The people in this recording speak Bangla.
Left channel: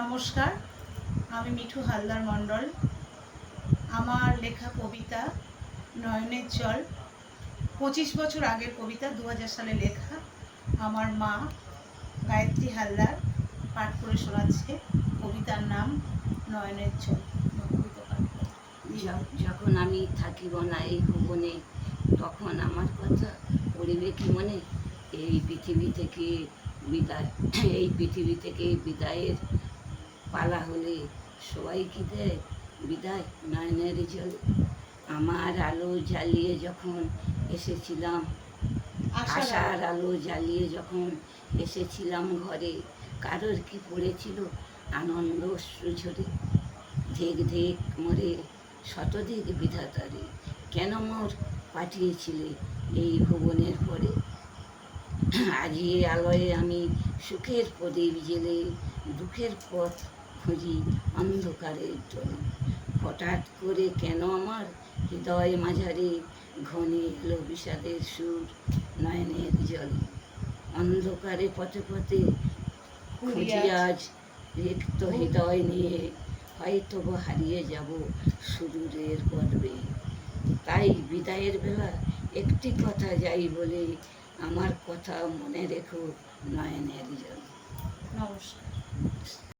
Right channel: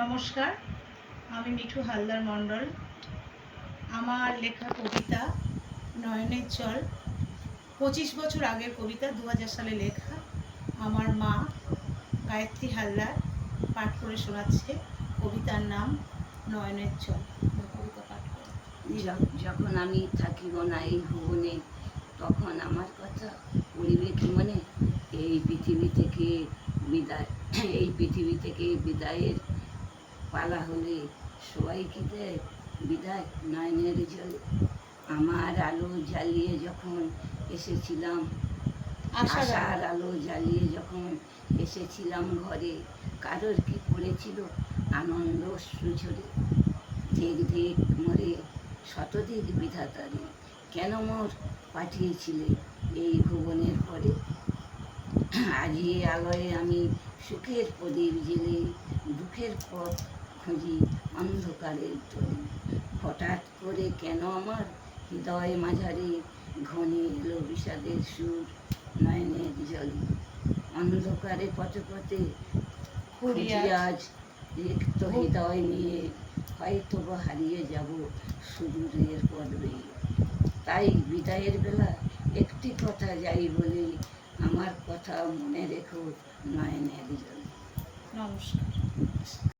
নমস্কার, আমি মিঠু হালদার মণ্ডল। আমার লেখা কবিতা নয়নের জল 25 বছর আগের কবিতা, 2000 সালে লেখা। আমার মা গায়ত্রী হালদার পাঠ করে শোনাচ্ছে। কবিতার নাম নয়নের জল। কবিতা পাঠ করে। যখন আমি থাকিব না এই ভুবনে, তখন আমার কথা পড়িবে কি মনে? এই পৃথিবী থেকে বিদায়, এই পৃথিবী থেকে বিদায়ের পালা হলে সবাই কি দেয় বিদায় নয়নের জলে? আমার আলো জ্বালিয়ে যখন এসেছিলাম, আশার আলো জ্বালিয়ে যখন এসেছিলাম ঘরে, কারোর কি পড়েছিল আনন্দ সুঝরে? ধিক ধিক মরে শতধিক বিধাতারে, কেন মোর পাঠিয়েছিলে এই ভুবনের পরে? আজিয়ে আলোয় আমি সুখের প্রদীপ জেলে দুঃখের পথ খুঁজি অন্ধকারের জলে। হঠাৎ করে কেন আমার হৃদয় মাঝারে ঘনে এলো বিষাদের সুর নয়নের জলে? অন্ধকারে পথে পথে খুঁজি আজ রিক্ত হৃদয় নিয়ে, হয়তো বা হারিয়ে যাব সুদূরের পর্বে। তাই বিদায়ের বেলা একটি কথা যাই বলে, আমার কথা মনে রেখো নয়নের জলে। নমস্কার।